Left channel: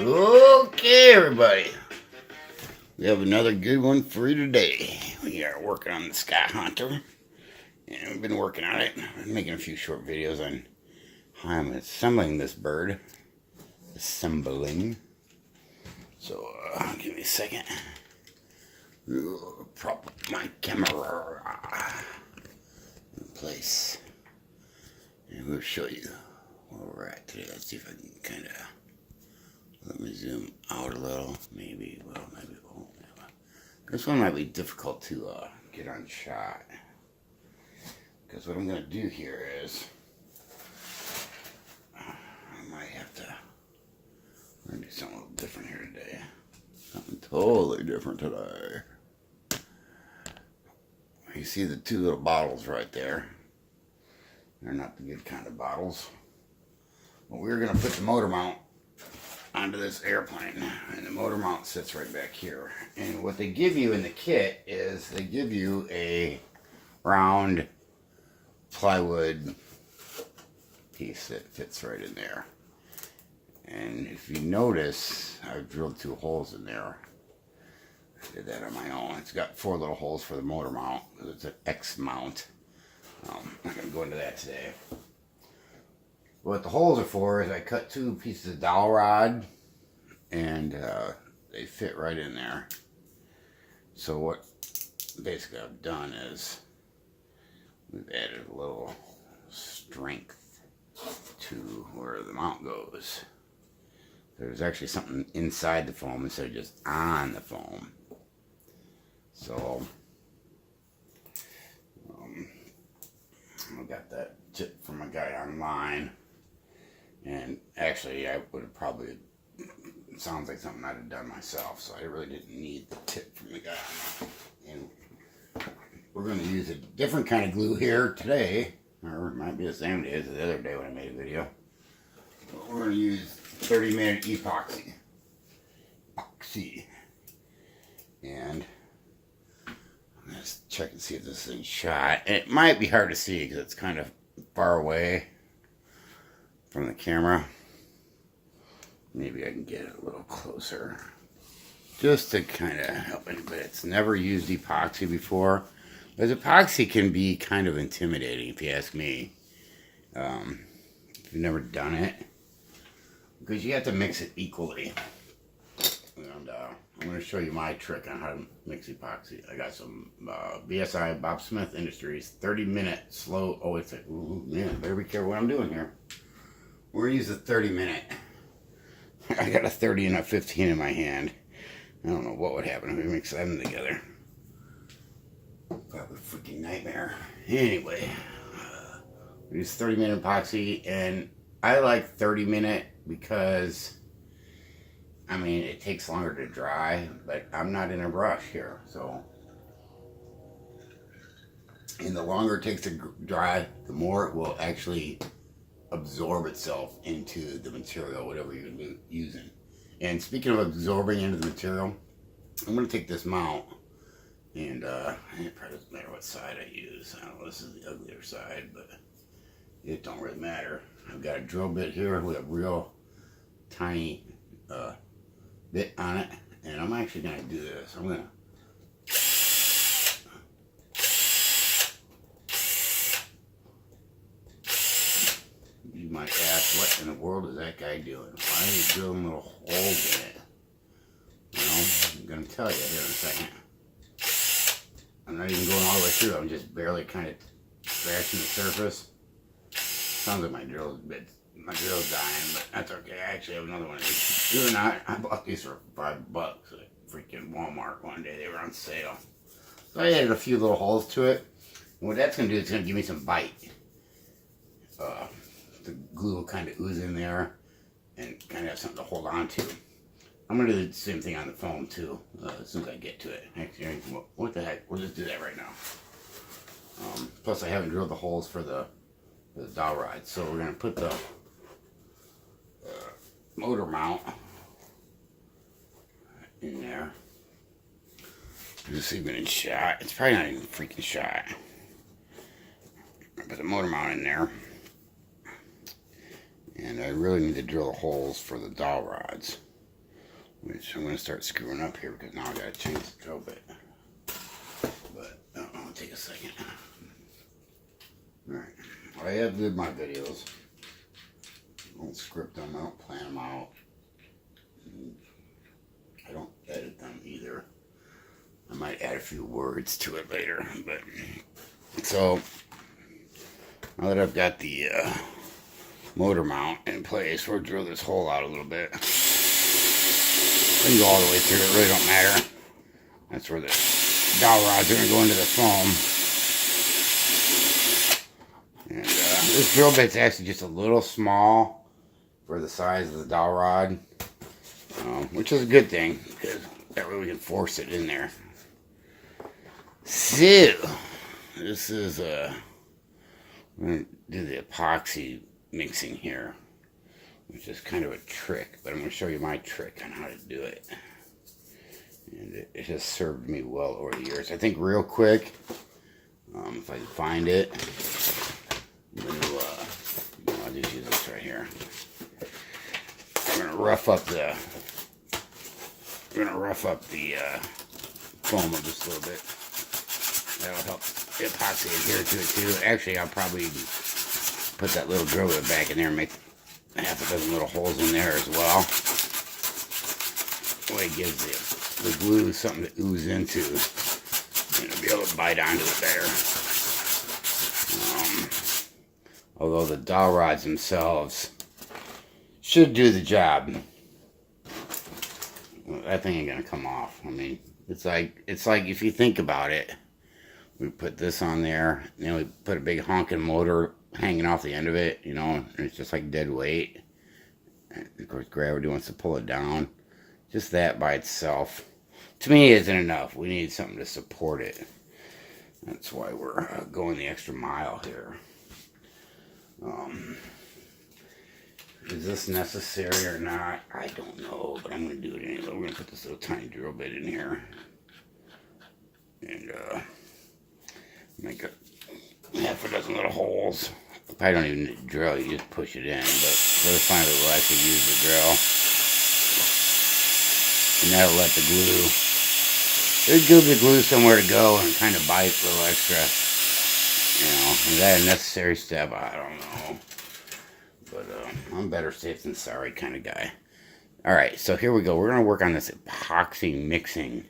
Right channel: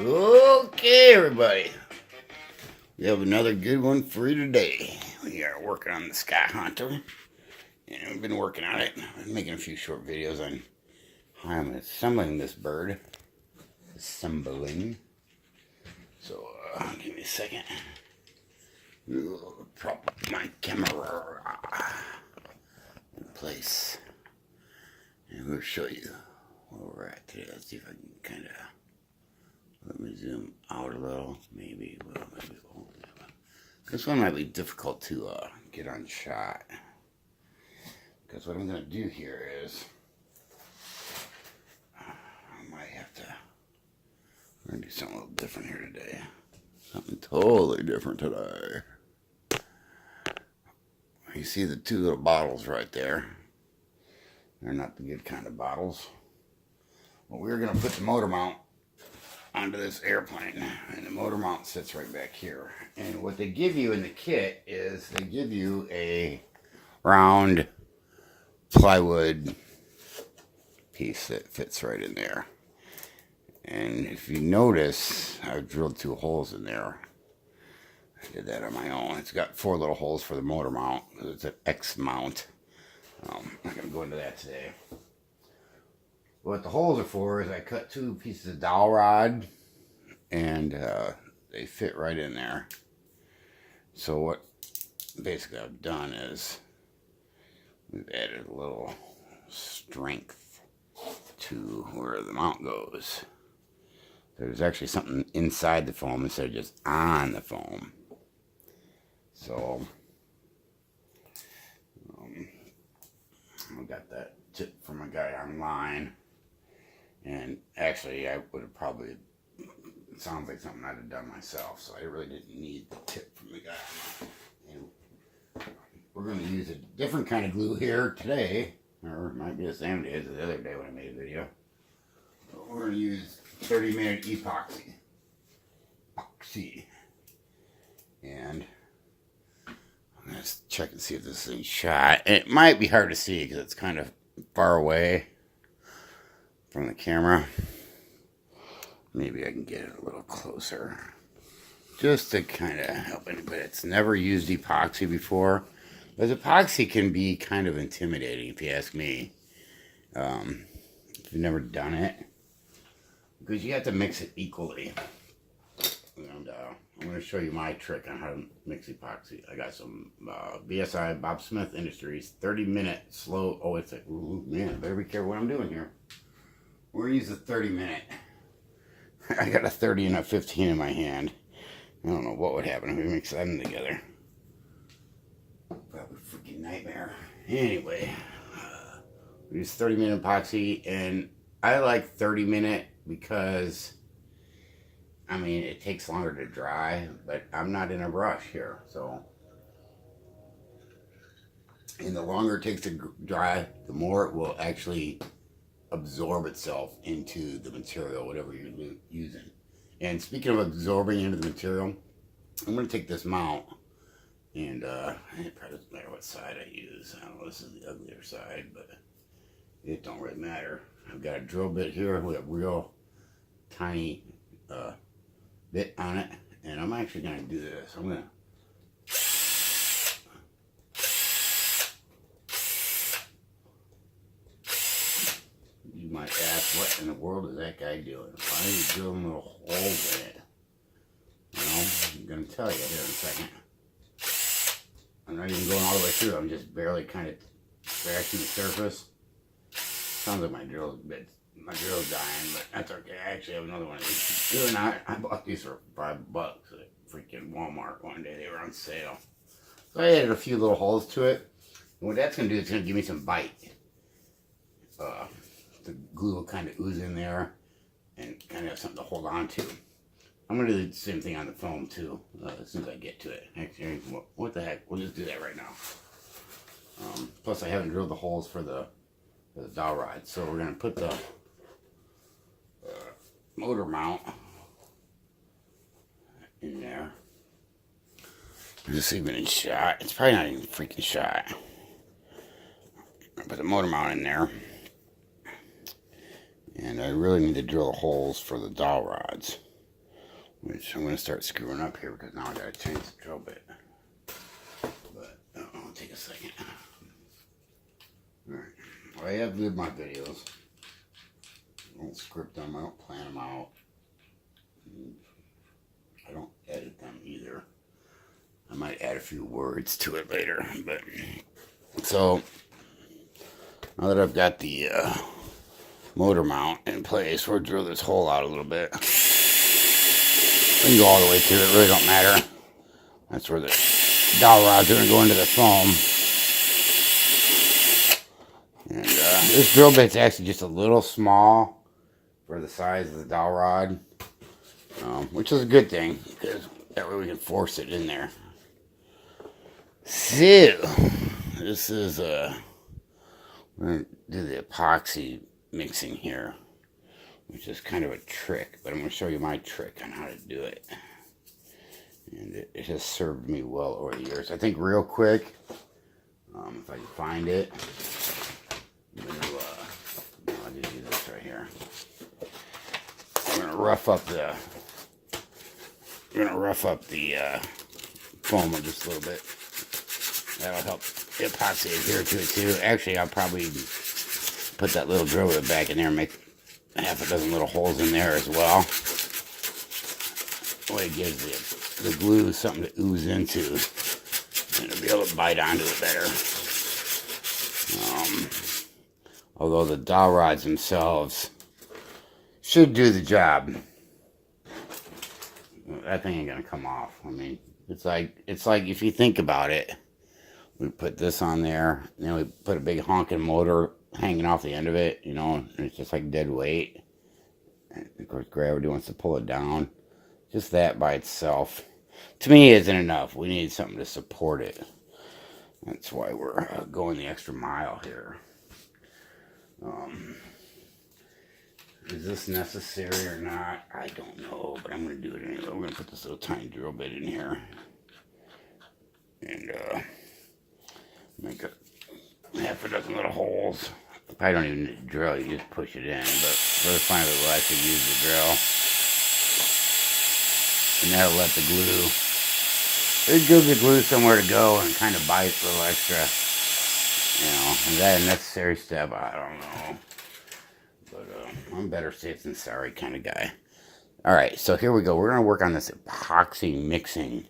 Okay, everybody. We have another good one for you today. We are working on the SkyHunter. And we've been working on it. I've been making a few short videos on how I'm assembling this bird. Assembling. So, give me a second. Prop up my camera in place. And we'll show you where we're at today. Let's see if I can kind of... Let me zoom out a little. Maybe, well, maybe it won't. This one might be difficult to get on shot. Because what I'm going to do here is, I might have to, we're going to do something a little different here today. Something totally different today. You see the two little bottles right there. They're not the good kind of bottles. But we're going to put the motor mount onto this airplane, and the motor mount sits right back here. And what they give you in the kit is they give you a round plywood piece that fits right in there. And if you notice, I've drilled 2 holes in there. I did that on my own. It's got 4 little holes for the motor mount because it's an X mount. I'm not going to go into that today. What the holes are for is I cut 2 pieces of dowel rod, and they fit right in there. So what basically I've done is we've added a little strength to where the mount goes. There's actually something inside the foam instead of just on the foam. So I got that tip from a guy online. And actually, I would have probably, it sounds like something I'd have done myself, so I really didn't need the tip from the guy online. And we're going to use a different kind of glue here today, or it might be the same day as the other day when I made a video. But we're going to use 30-minute epoxy. And I'm going to check and see if this thing's shot. And it might be hard to see because it's kind of far away from the camera. Maybe I can get it a little closer just to kind of help it, but it's never used epoxy before. But epoxy can be kind of intimidating if you ask me. If you've never done it, because you have to mix it equally. And I'm going to show you my trick on how to mix epoxy. I got some BSI, Bob Smith Industries, 30-minute slow, oh, it's a, ooh, man, better be careful what I'm doing here. We're going to use a 30-minute. I got a 30 and a 15 in my hand. I don't know what would happen if we mix them together. Probably a freaking nightmare. Anyway, we use 30-minute epoxy, and I like 30-minute because, I mean, it takes longer to dry, but I'm not in a rush here, so. And the longer it takes to dry, the more it will actually absorb itself into the material, whatever you're using. And speaking of absorbing into the material, I'm going to take this mount, and it probably doesn't matter what side I use. I don't know, this is the uglier side, but it don't really matter. I've got a drill bit here with a real tiny bit on it, and I'm actually going to do this. I'm going to might ask, what in the world is that guy doing? Why are you drilling little holes in it? Well, I'm going to tell you here in a second. I'm not even going all the way through. I'm just barely kind of scratching the surface. Sounds like my drill's dying, but that's okay. I actually have another one of these. Believe it or not, I bought these for $5 at freaking Walmart one day. They were on sale. So I added a few little holes to it. And what that's going to do is it's going to give me some bite. The glue will kind of ooze in there and kind of have something to hold on to. I'm going to do the same thing on the foam too, as soon as I get to it. Actually, what the heck, we'll just do that right now. Plus I haven't drilled the holes for the dowel rod, so we're going to put the motor mount in there. Just even in shot. It's probably not even freaking shot. Put the motor mount in there. And I really need to drill holes for the dowel rods. which I'm going to start screwing up here because now I got to change the drill bit. But I'll take a second. Alright, well, I have did my videos. I don't script them, I don't plan them out. I don't edit them either. I might add a few words to it later. But so now that I've got the motor mount in place, we'll drill this hole out a little bit. We can go all the way through, it really don't matter. That's where the dowel rods are going to go into the foam. And this drill bit's actually just a little small for the size of the dowel rod, which is a good thing because that way we can force it in there. So this is I'm going to do the epoxy mixing here, which is kind of a trick, but I'm going to show you my trick on how to do it. And it has served me well over the years. I think real quick, if I can find it, I'll just use this right here. I'm going to rough up the foam just a little bit. That'll help the epoxy adhere to it too. Actually, I'll probably put that little drill bit back in there and make half a dozen little holes in there as well. That way it gives the glue something to ooze into, and it'll be able to bite onto it better. Although the dowel rods themselves should do the job. That thing ain't gonna come off. I mean, it's like if you think about it, we put this on there, and then we put a big honking motor hanging off the end of it, you know, and it's just like dead weight. And of course, gravity wants to pull it down. Just that by itself, to me, isn't enough. We need something to support it. That's why we're going the extra mile here. Is this necessary or not? I don't know, but I'm going to do it anyway. We're going to put this little tiny drill bit in here. And make half a dozen little holes. I don't even need to drill, you just push it in. But for the time we'll actually use the drill. And that'll let the glue, it'll give the glue somewhere to go and kind of bite a little extra. You know, is that a necessary step? I don't know. But I'm better safe than sorry kind of guy. Alright, so here we go. We're going to work on this epoxy mixing.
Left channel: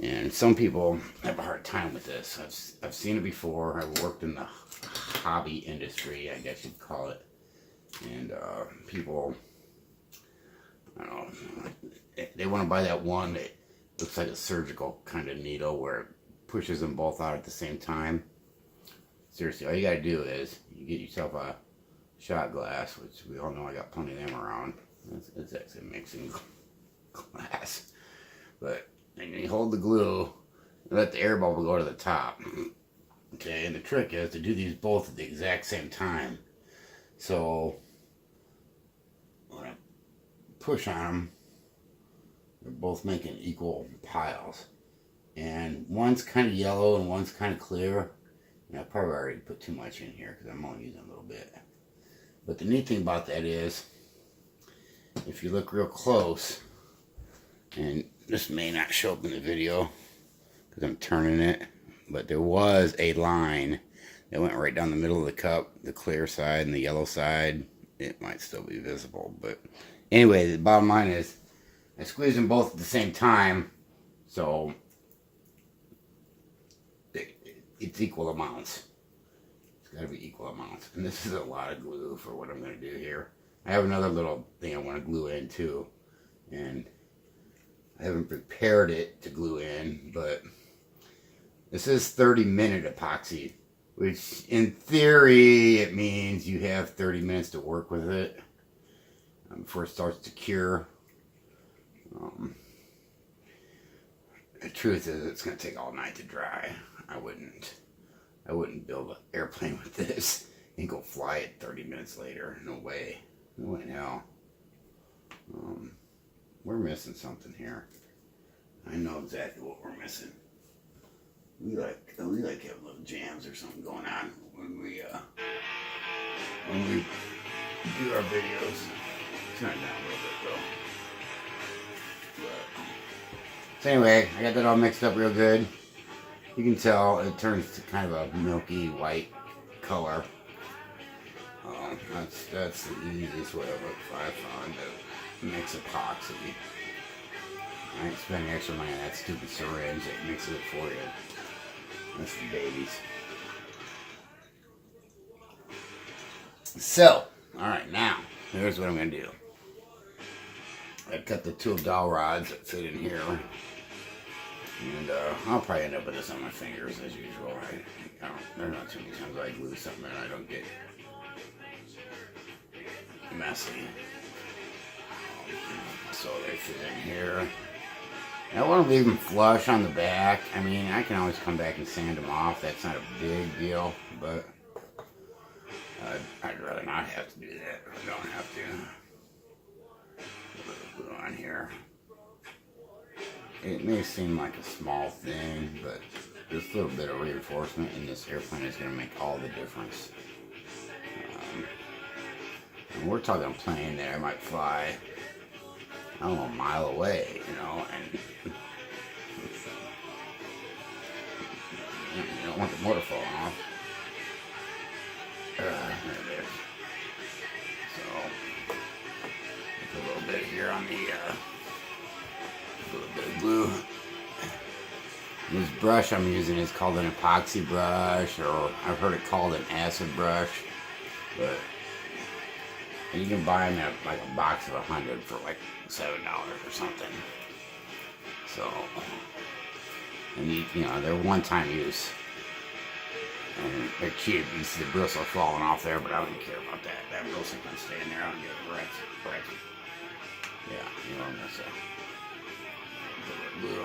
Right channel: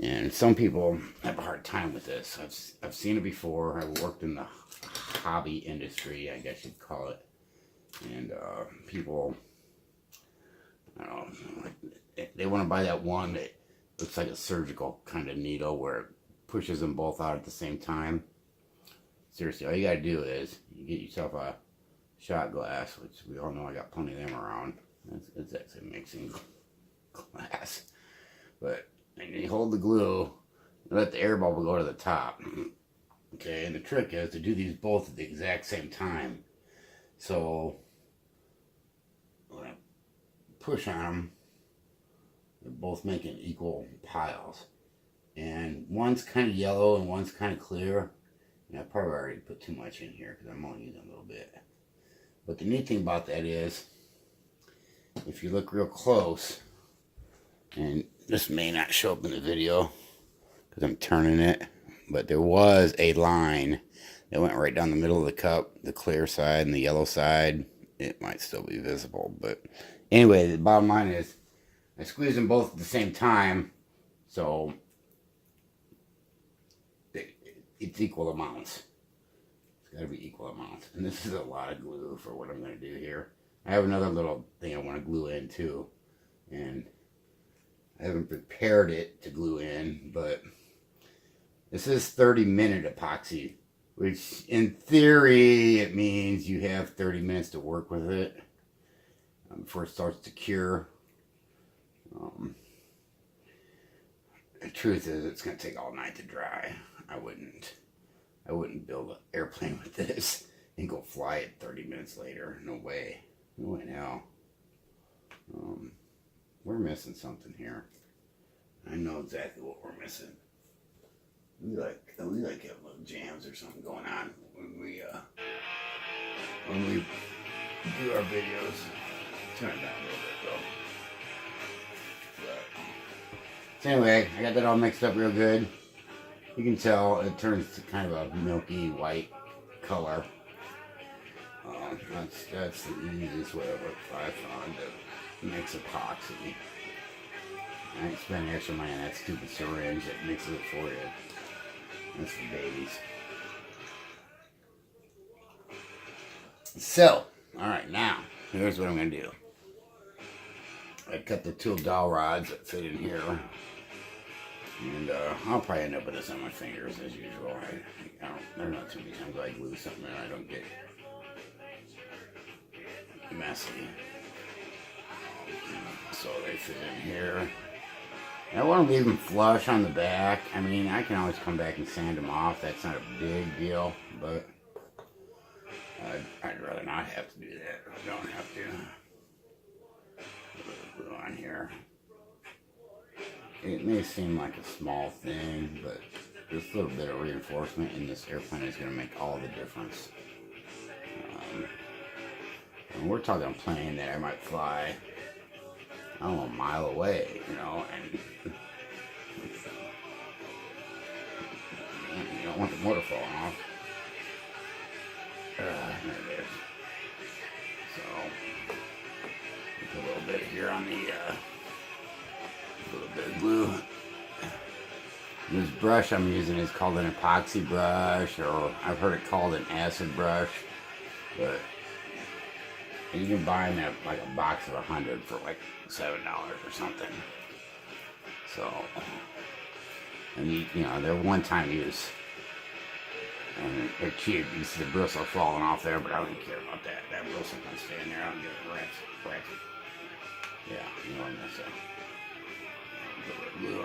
And some people have a hard time with this. I've seen it before. I've worked in the hobby industry, I guess you'd call it. And people, I don't know, they want to buy that one that looks like a surgical kind of needle where it pushes them both out at the same time. Seriously, all you got to do is you get yourself a shot glass, which we all know I got plenty of them around. It's actually a mixing glass. But and you hold the glue and let the air bubble go to the top. Okay, and the trick is to do these both at the exact same time. So when I push on them, they're both making equal piles. And one's kind of yellow and one's kind of clear. And I probably already put too much in here because I'm only using a little bit. But the neat thing about that is, if you look real close, and this may not show up in the video because I'm turning it, but there was a line that went right down the middle of the cup, the clear side and the yellow side. It might still be visible, but anyway, the bottom line is I squeeze them both at the same time, so it's equal amounts. It's got to be equal amounts, and this is a lot of glue for what I'm going to do here. I have another little thing I want to glue in too, and I haven't prepared it to glue in, but this is 30-minute epoxy, which in theory it means you have 30 minutes to work with it before it starts to cure. The truth is, it's going to take all night to dry. I wouldn't build an airplane with this and go fly it 30 minutes later. No way. No way in hell. We're missing something here. I know exactly what we're missing. We like have little jams or something going on when we do our videos. Turn it down a little bit though. anyway, I got that all mixed up real good. You can tell it turns to kind of a milky white color. That's the easiest way I found to mix epoxy. I ain't spending extra money on that stupid syringe that mixes it for you. That's the babies. So, alright, now, here's what I'm going to do. I cut the 2 dowel rods that fit in here. And I'll probably end up with this on my fingers as usual. There's not too many times I glue something and I don't get messy. So they fit in here. I want to leave them flush on the back. I mean, I can always come back and sand them off. That's not a big deal, but I'd rather not have to do that. I don't have to. A little glue on here. It may seem like a small thing, but this little bit of reinforcement in this airplane is going to make all the difference. And we're talking a plane that I might fly, I don't know, a mile away, you know, and you don't want the motor falling off. There it is. So, put a little bit here on the, a little bit of glue. This brush I'm using is called an epoxy brush, or I've heard it called an acid brush, but you can buy them at like a box of 100 for like $7 or something. So, and you know, they're one-time use. And they're cute. You see the bristle falling off there, but I don't care about that. That bristle can stay in there. I don't get it wrecked. Yeah, you know what I'm gonna say. Put a little glue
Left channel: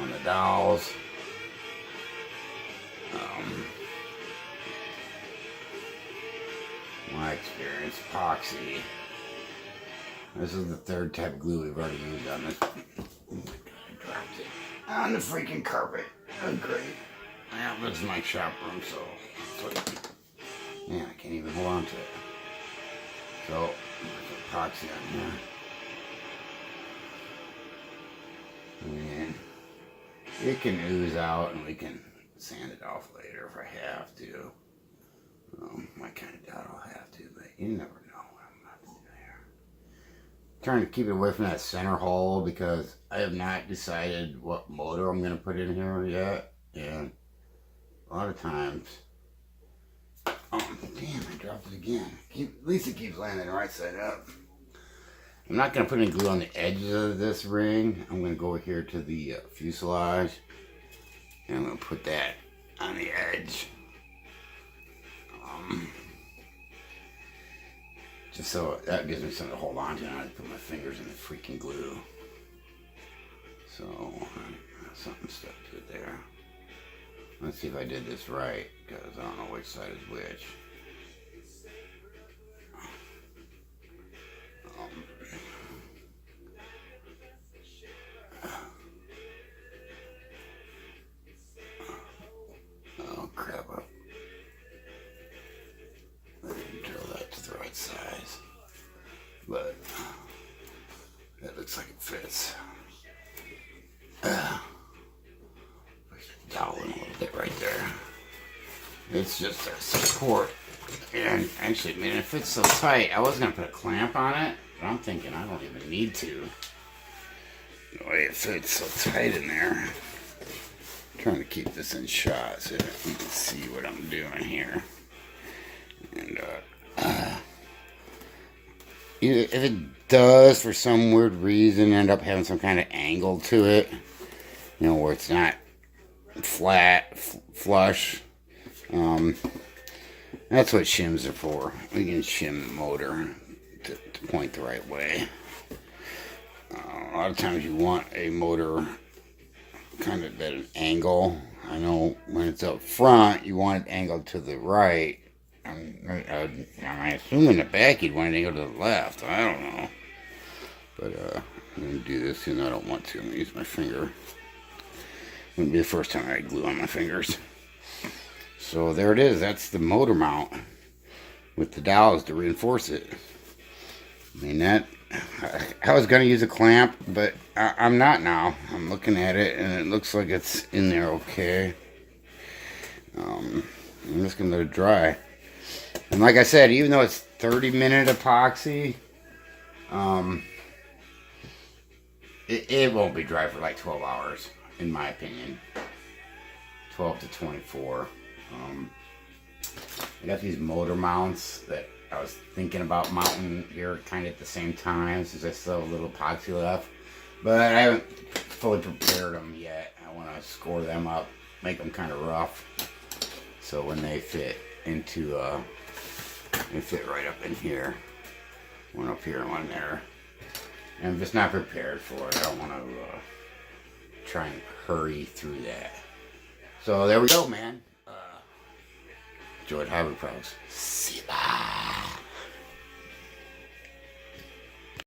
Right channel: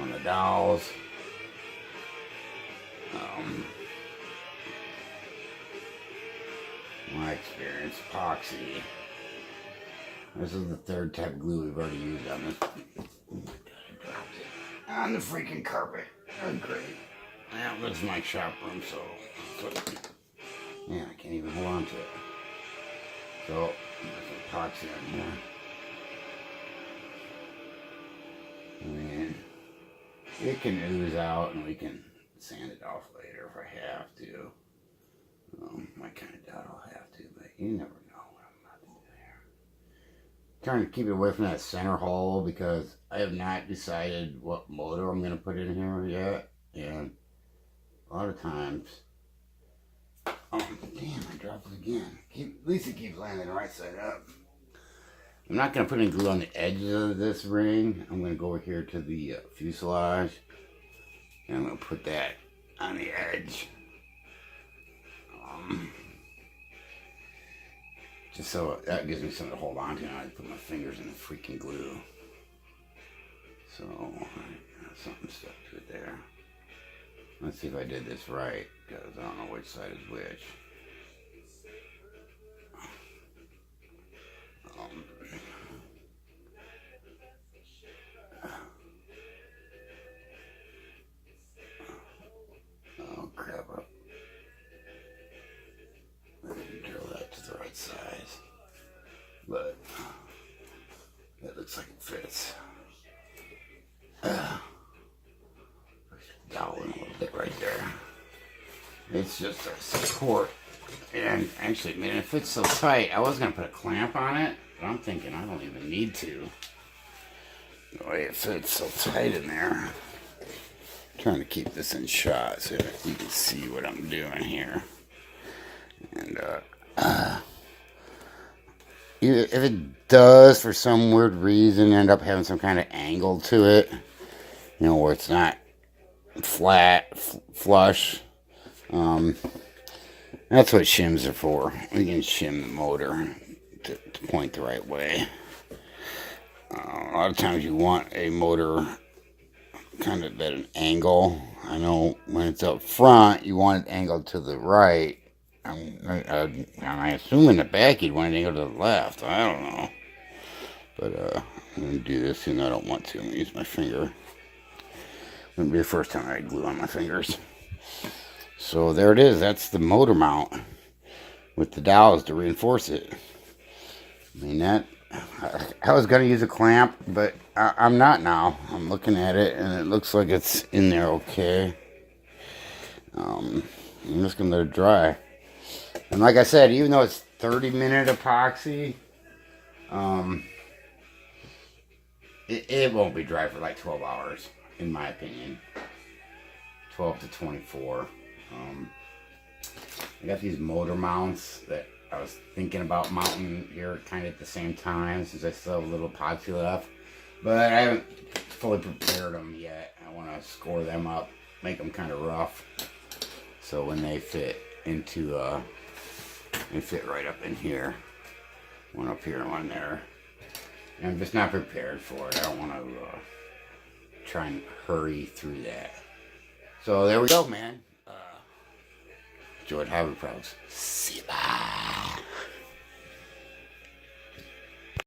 on the dowels. My experience, epoxy. This is the 3rd type of glue we've already used on this. I dropped it on the freaking carpet. Oh, great. Yeah, this is my shop room, so yeah, I can't even hold on to it. So there's epoxy on here. And it can ooze out, and we can sand it off later if I have to. I kind of doubt I'll have to, but you never know what I'm about to do here. I'm trying to keep it away from that center hole because I have not decided what motor I'm going to put in here yet. And a lot of times, damn, I dropped it again. At least it keeps landing the right side up. I'm not going to put any glue on the edges of this ring. I'm going to go here to the fuselage, and I'm going to put that on the edge. Just so that gives me something to hold on to, and I put my fingers in the freaking glue. So, something stuck to it there. Let's see if I did this right, because I don't know which side is which. Oh, crap. I didn't drill that to the right size, but it looks like it fits. Dowel in a little bit right there. It's just a support, and actually, man, it fits so tight. I was gonna put a clamp on it, but I'm thinking I don't even need to. The way it fits so tight in there. I'm trying to keep this in shot so you can see what I'm doing here. And if it does, for some weird reason, end up having some kind of angle to it, you know, where it's not flat, flush, that's what shims are for. You can shim the motor to point the right way. A lot of times you want a motor kind of at an angle. I know when it's up front, you want it angled to the right. I assume in the back you'd want it angled to the left. I don't know. But I'm going to do this, and I don't want to. I'm going to use my finger. It's going to be the first time I glue on my fingers. So there it is. That's the motor mount with the dowels to reinforce it. I mean, I was going to use a clamp, but I'm not now. I'm looking at it, and it looks like it's in there okay. I'm just going to let it dry. And like I said, even though it's 30-minute epoxy, it won't be dry for like 12 hours, in my opinion. 12 to 24. I got these motor mounts that I was thinking about mounting here kind of at the same time, since I still have a little epoxy left. But I haven't fully prepared them yet. I want to score them up, make them kind of rough, so when they fit into, they fit right up in here. One up here and one there. And I'm just not prepared for it. I don't want to try and hurry through that. So there we go, man. George Hobby Pros. See ya.